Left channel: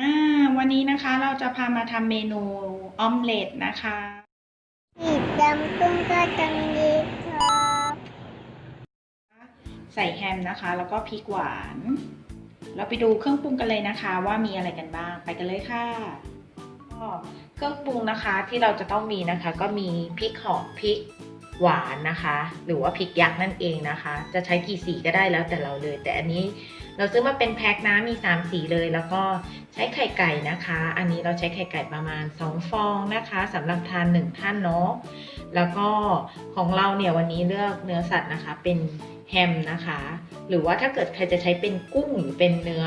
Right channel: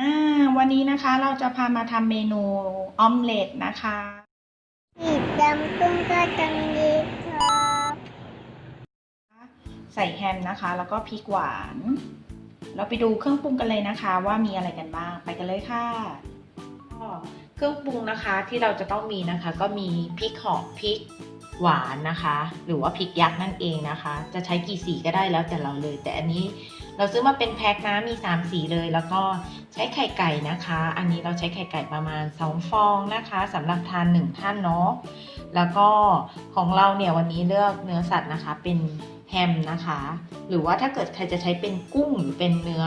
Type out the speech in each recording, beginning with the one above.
อ่าวันนี้นะคะเราจะพามาทำเมนูออมเล็ตนะคะสีดำกุ้งก็ตังดีครับใส่แฮมนะคะ แล้วก็พริกหวาน เราไปดูเครื่องปรุงกันเลยนะคะ ว่ามีอะไรกันบ้าง ไปกันเลยค่ะก็เครื่องปรุงนะคะที่เราจะต้องมีนะคะ ก็มีพริกหอมพริกหวานนะคะ หรือว่าพริกยักษ์นั่นเองนะคะ จะใช้กี่สีก็ได้แล้วแต่เราเลย แต่อันนี้ เราซื้อมาเป็นแพ็คนะมี 3 สีเลย แล้วก็ใช้ไข่ไก่นะคะ อันนี้เราใช้ไข่ไก่ประมาณ 2 ฟองนะคะสำหรับทาน 1 ท่านเนาะแล้วก็ของเราเนี่ยวันนี้เลือกเนื้อสัตว์นะคะ เป็นแฮมนะคะ หรือว่าถ้าเกิดใครจะใช้เป็นกุ้งหรือเป็นเนื้อ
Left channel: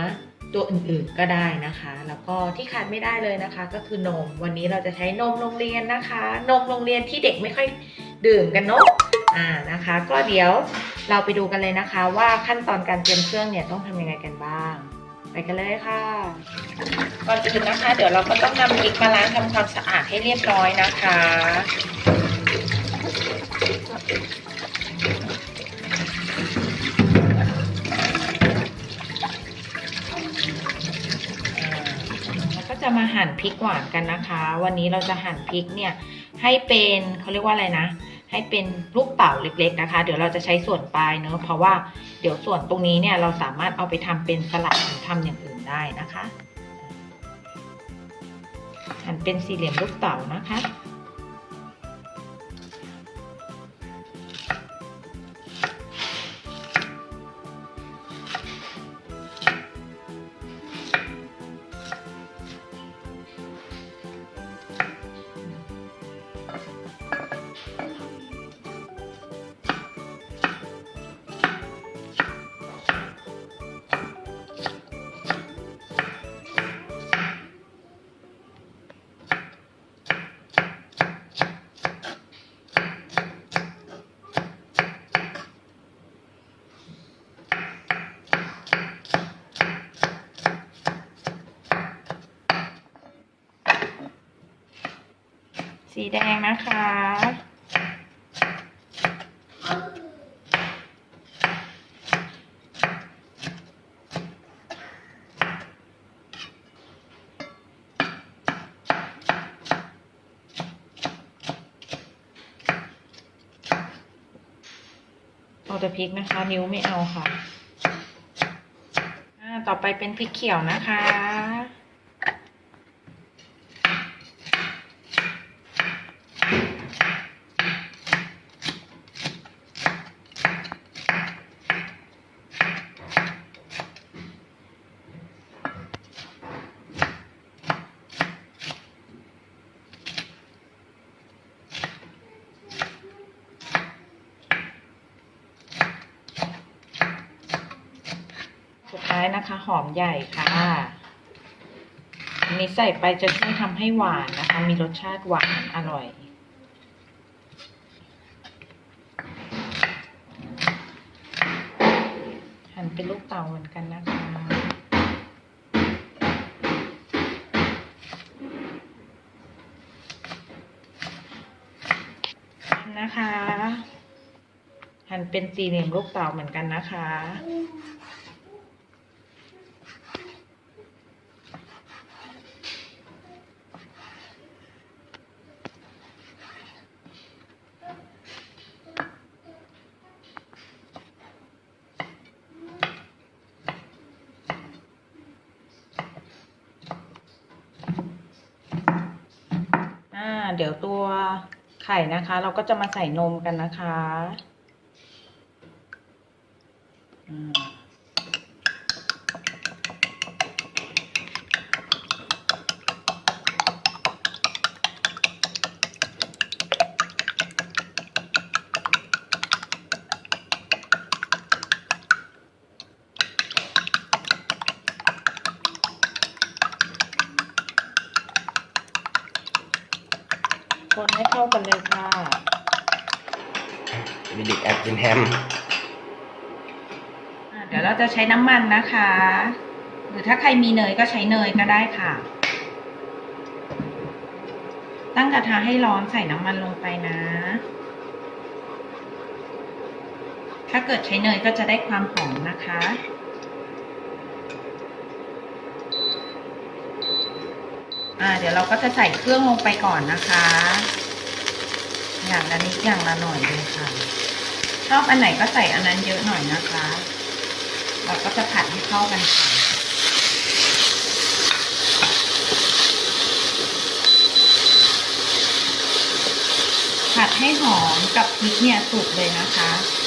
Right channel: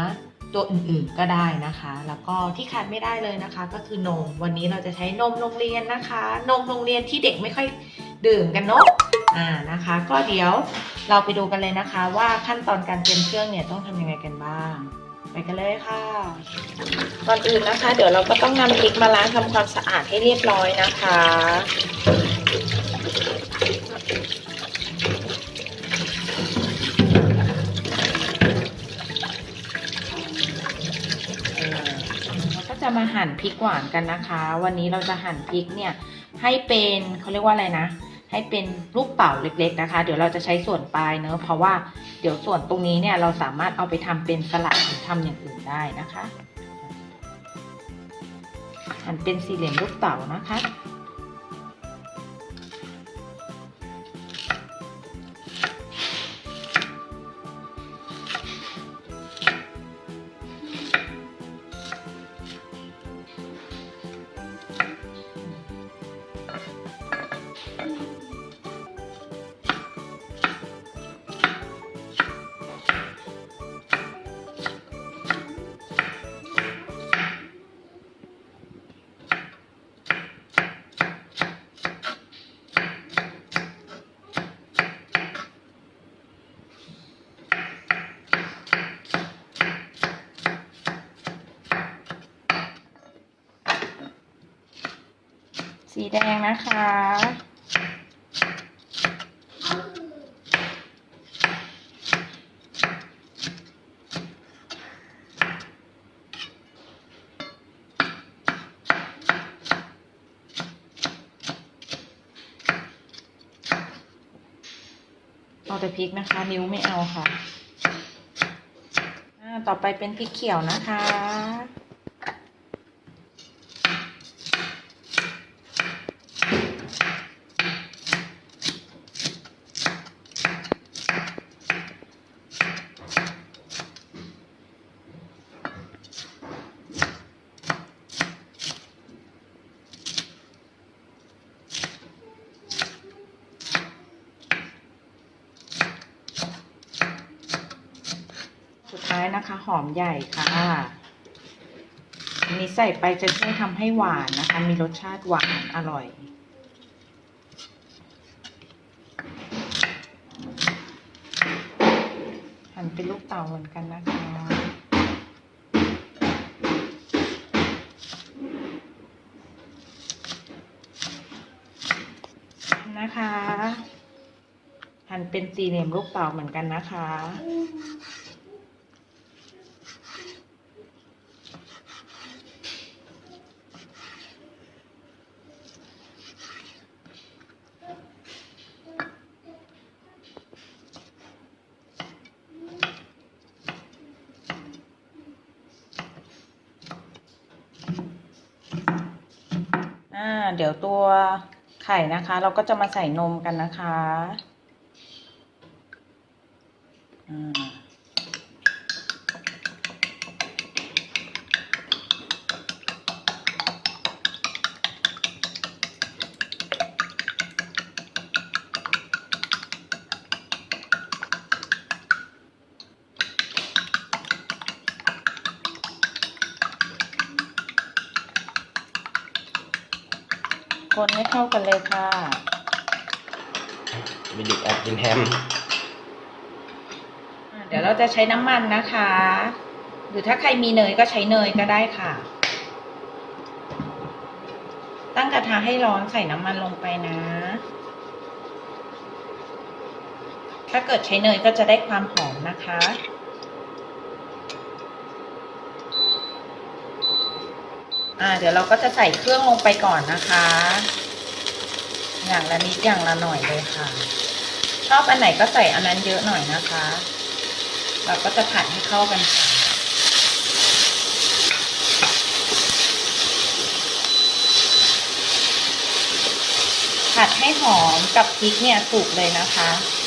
ตัวอื่นๆก็ได้นะคะ แล้วก็ที่ขาดไม่ได้เลยนะคะ ก็คือนม วันนี้เราจะใช้นมโรงเรียนนะคะ นมโรงเรียนที่เด็กไม่ค่อยดื่มกันเนาะ อ่านะคะ ก็เดี๋ยวเราไปดูกันเลยนะคะ ว่าขั้นตอนการเตรียมเครื่องเนี่ยต้องทำยังไงกันบ้าง ไปกันเลยค่ะก่อนอื่นนะคะ เดี๋ยวเราก็ต้องนำพริกมาล้างทำความสะอาดให้เรียบร้อยนะคะเราก็จะมาหั่นพริกหวานกันนะคะ วันนี้เราจะหั่นพริกเนี่ยให้เป็นเขาเรียกว่าอะไรนะ ให้เป็นลูกเต๋าเล็กๆนะคะ เดี๋ยวเราจะใช้ส่วนปลายเนอะเพราะว่าเดี๋ยวส่วนตรงนี้เนี่ยเราสามารถเอาไปทำเป็นสลัดหรือทำอย่างอื่นได้นะคะหั่นเป็นสี่เหลี่ยมลูกเต๋านะคะ สีแดงนะคะ เอาแต่พริกนะคะ นิ้วไม่เอาค่ะ ต่อไปเป็นพริกเขียวนะคะ สุดท้าย นะคะ หอมใหญ่ค่ะ อันนี้ใส่ไปจะช่วยทำให้หวานนะคะ มีรสชาติหวานอร่อย หั่นเป็นลูกเต๋าเหมือนกันนะคะนะคะ หั่นเป็นสี่เหลี่ยมลูกเต๋าเหมือนกันนะคะ อ่า เดี๋ยวตัวไข่นะคะ เราก็จะมาใส่นมกันนะคะ อ่า คนให้เข้ากันเลยค่ะ มีเด็กแอบกินแฮมอ่าเดี๋ยวเราจะใช้น้ำมันนะคะ หรือถ้าใครมีเนยก็ใช้เนยก็ได้ค่ะ ตั้งกระทะให้ร้อนใส่น้ำมันลงไปนะ ถ้าเกิดใช้เนยก็จะได้ความหอมนะคะ อ่าเดี๋ยวเราก็จะใส่เครื่องลงไปก่อนนะคะ อย่างละนิดอย่างละหน่อยเลยค่ะ ชอบอันไหนก็ใส่อันนั้นเยอะหน่อยนะคะ เราก็จะผัดให้เข้ากันค่ะผัดให้หอมกับพริกเนี่ยสุกเลยนะคะ เ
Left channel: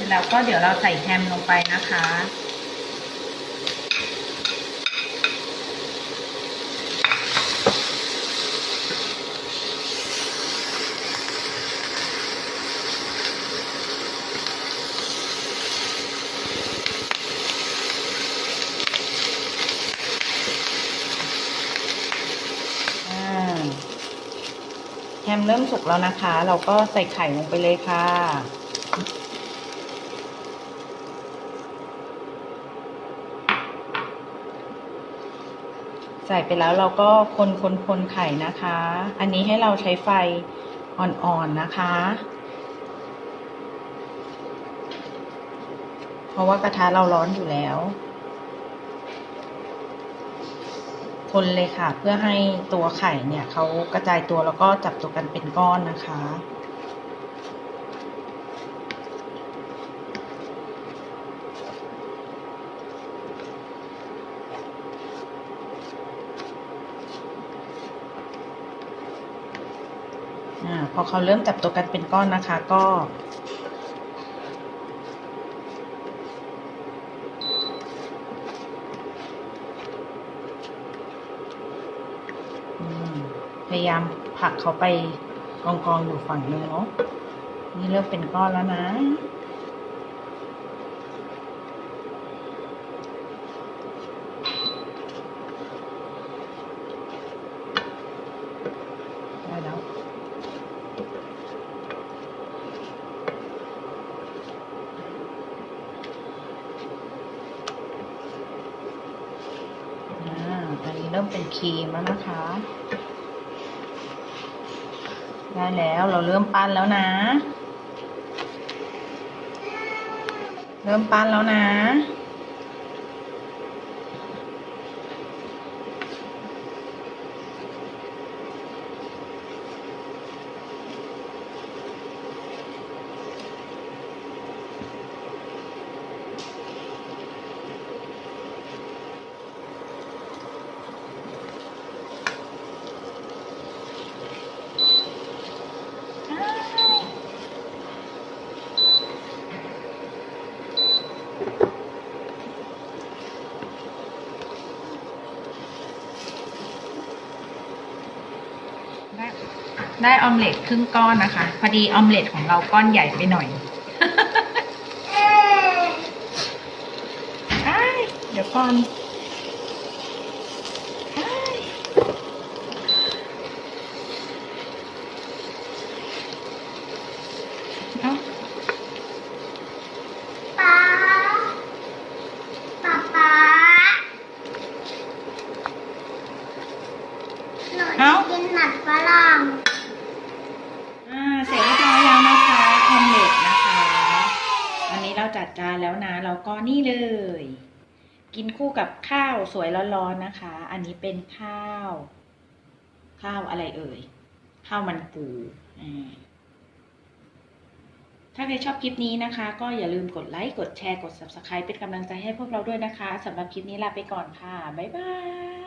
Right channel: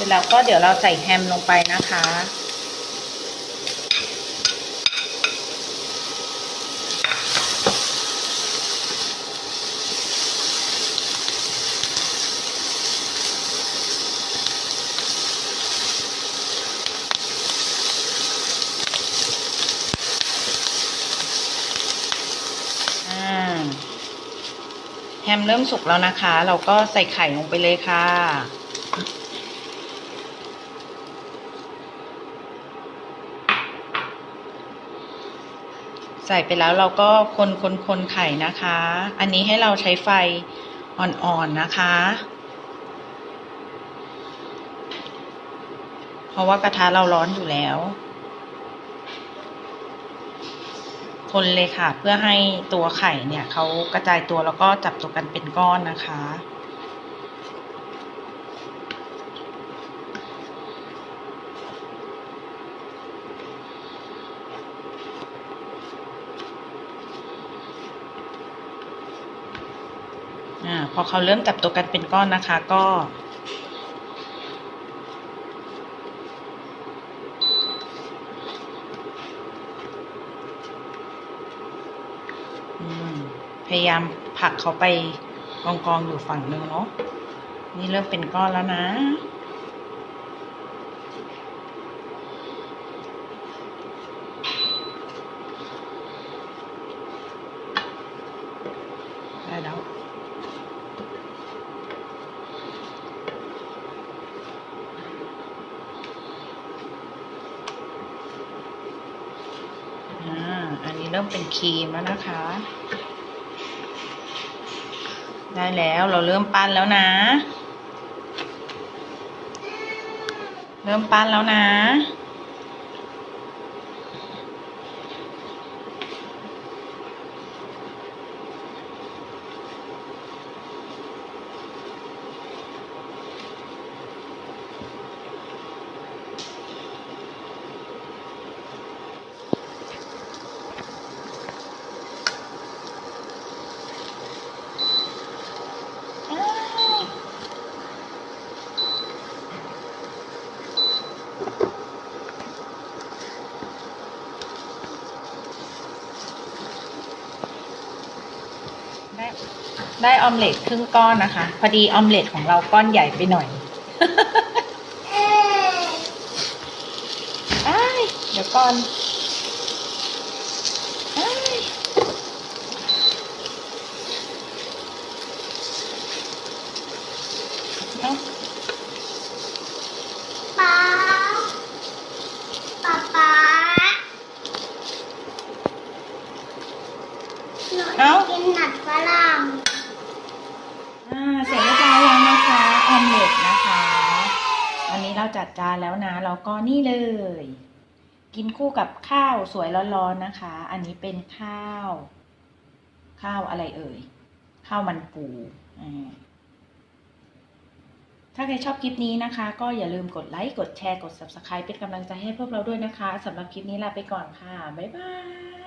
สร็จแล้วก็เดี๋ยวเราใส่แฮมลงไปนะคะอ่าแฮมเริ่มสุกแล้วนะคะ เราก็ใส่ไข่ลงไปเลยค่ะ ใส่ไปแล้วเราก็คนคนคนไข่นะคะ อันนี้ให้เราใช้ไฟอ่อนๆนะคะ เพราะว่ากระทะเราร้อนอยู่แล้ว คนเลยค่ะ เพื่อให้ตัวไข่เนี่ยเขากระจายตัวแล้วก็จับตัวกันเป็นก้อนนะคะ พอเขาเริ่มจับตัวกันเป็นก้อนนะคะ ก็ พยายามผลักเขาไปกองกองๆอยู่ฝั่งหนึ่งเนาะนี่เริ่มเป็นก้อนแล้วนะ ได้แล้ว อ่า อันนี้ เริ่มเป็นครีมแล้วนะคะ ได้แล้วเราเริ่มปั้นแล้วนะ เริ่มปั้นแล้วนะ ได้ ได้ออมเล็ตครึ่งก้อนนะคะ พอดีออมเล็ตของเราก้อนใหญ่ไปหน่อยอ้ายเดี๋ยวก่อนอ้ายเอ้า ป๊าป๊าป๊าหนูจะกินหนัดฝรั่ง อ่าเสร็จเรียบร้อยแล้วนะคะออมเล็ตนะคะ อันนี้เราจัดจาน แล้วก็นี่เลย กินคู่กับข้าวสวยร้อนๆนะคะ อันนี้เป็นข้าว ข้าวอะไรเอ่ย ข้าวมันปูถ้าใครชอบคลิปนี้นะคะ ก็อย่าลืมกดไลค์ กดแชร์ กด subscribe เป็นกำลังใจให้พวกเราด้วยนะคะสำหรับคลิปนี้ลาไปก่อนค่ะ บ๊ายบาย